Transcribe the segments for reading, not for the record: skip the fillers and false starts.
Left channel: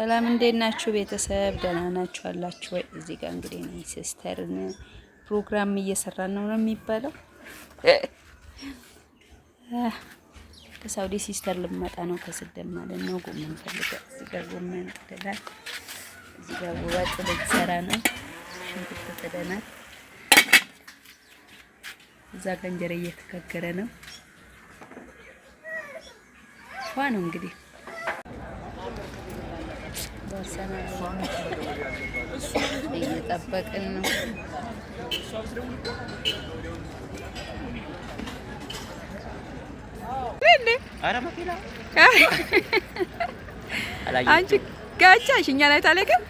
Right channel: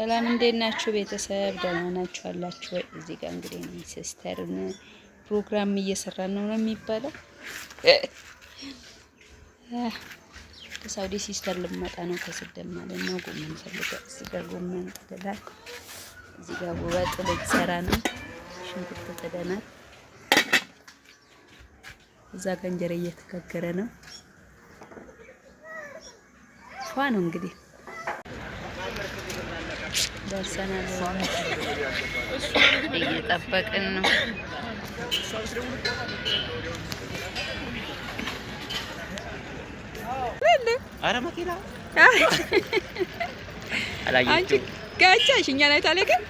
ሰላም እንዴት ናችሁ ቤተሰብ? ደህና ናችሁ አላችሁ ወይ? እዚህ ጋር እንግዲህ ነው ሲስተርን ፕሮግራም እየሰራን ነው የሚባለው። ከሳውዲ ሲስተር ልመጣ ነው ከስደት ማለት ነው። ጎመን ፈልጋ እዚህ ጋር ጎመን ጥደናል። እዚህ ጋር ወጥ ልትሰራ ነው። ሽንኩርት ጥደናል። እዛ ጋር እንጀራ እየተጋገረ ነው። ፏ ነው እንግዲህ ደርሰናል። እየጠበቅን ነው። አንቺ ጋቻሽ እኛ ላይ ታለቀም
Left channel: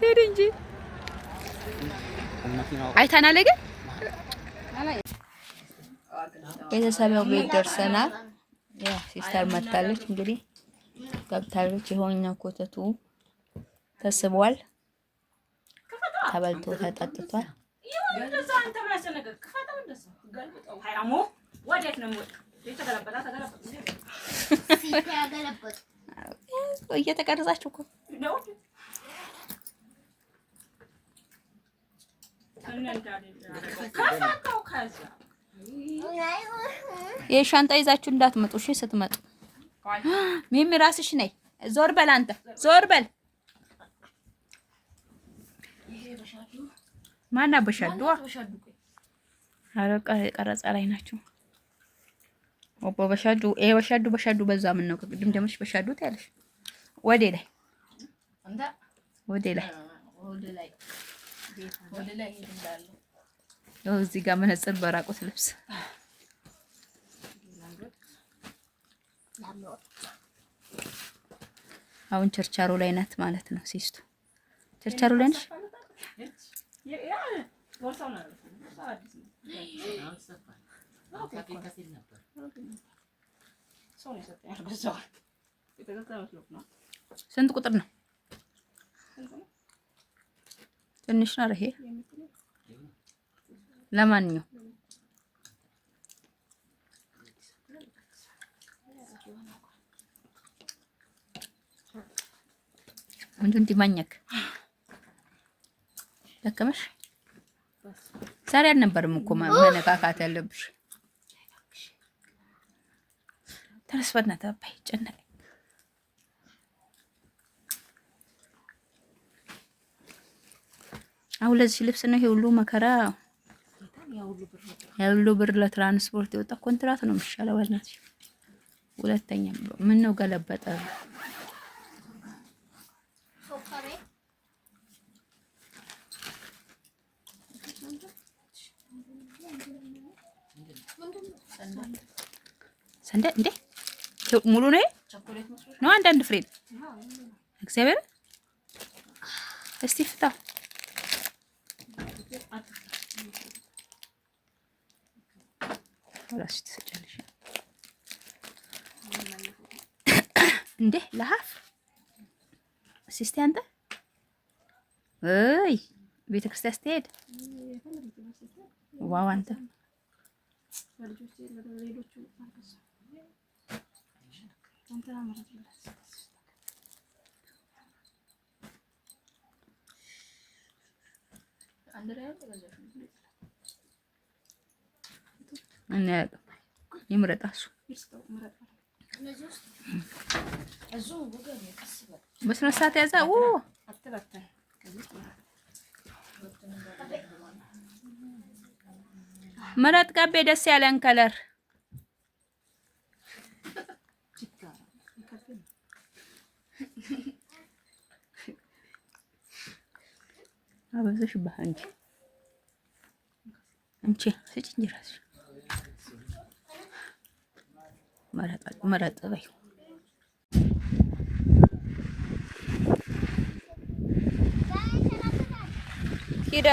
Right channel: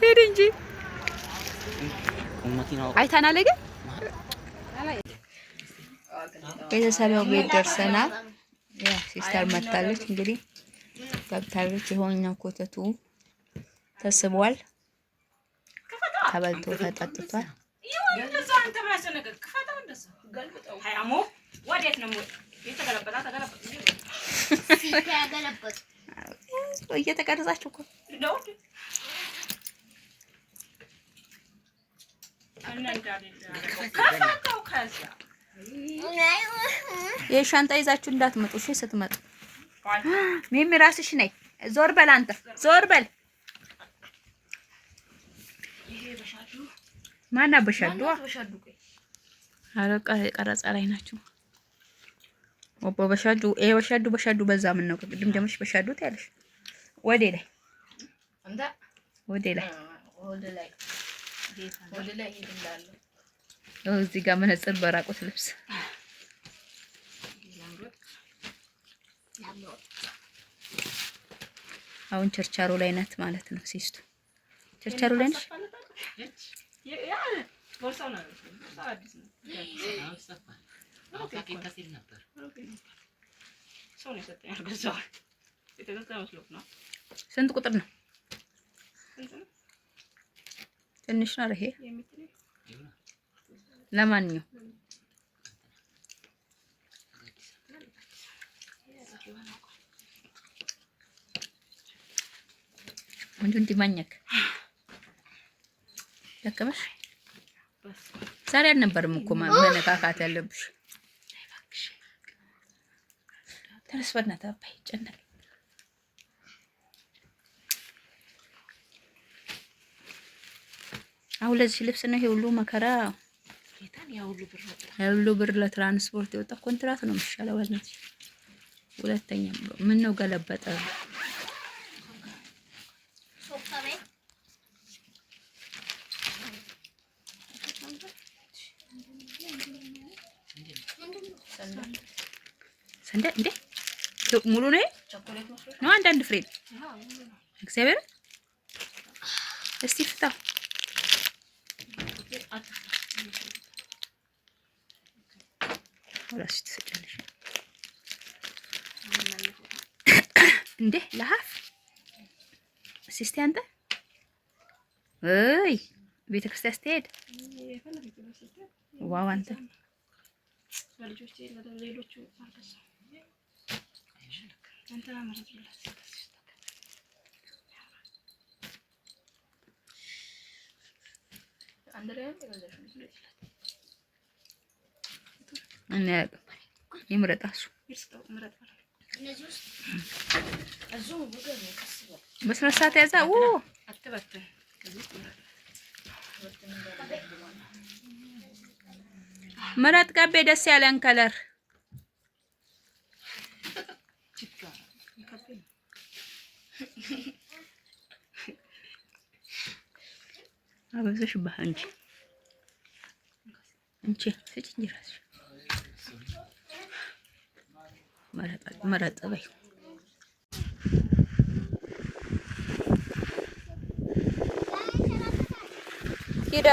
ሄድ እንጂ አይታናለ ግን ቤተሰብ ቤት ደርሰናል። ያ ሲስተር መታለች እንግዲህ ገብታለች። ይሆኛው ኮተቱ ተስቧል፣ ተበልቶ ተጠጥቷል። እየተቀረጻችሁ እኮ የሻንጣ ይዛችሁ እንዳትመጡ እሺ። ስትመጡ ሚሚ ራስሽ ነይ። ዞር በል አንተ ዞር በል። ማና በሻዱ አረቃ ቀረጻ ላይ ናችሁ። ወቦ በሻዱ በሻዱ በዛ ምን ነው ቅድም ደምሽ በሻዱ ታያለሽ። ወዴ ላይ ወዴ ላይ እዚህ ጋር መነጽር በራቆት ልብስ አሁን ቸርቻሮ ላይ ናት ማለት ነው። ሲስቱ ቸርቻሮ ላይ ነሽ? ስንት ቁጥር ነው? ትንሽ ነው ይሄ። ለማንኛውም አንዱ እንዲማኘክ ደከመሽ። ዛሬ አልነበረም እኮ መነካካት ያለብሽ። ተነስበና ተባይ ጨነቀ። አሁን ለዚህ ልብስ ነው ይሄ ሁሉ መከራ፣ ሁሉ ብር ለትራንስፖርት የወጣ ኮንትራት ነው የሚሻለው። ባልነች ሁለተኛ ምን ነው ገለበጠ። ሰንደ እንዴ ሙሉ ነው ነው አንዳንድ ፍሬ እግዚአብሔር እስቲ ፍታ ወላስ ትሰጫለሽ እንዴ ለሀፍ ሲስቲ አንተ እይ ቤተክርስቲያን ስትሄድ ዋው አንተ ለልጆች ለሌሎቹ አልከሳ አንተ አመረጥ ይላል አንደሪያ ተገዛሽ እና ይምረጣሱ በስነ ስርዓት ያዛው አትበተን መረጥ ቀቤ ደስ ያለን ከለር አበዛሽ ባንቺ እንቺ ስጭኝ ራስሽ መረጥ በይ ሂዳ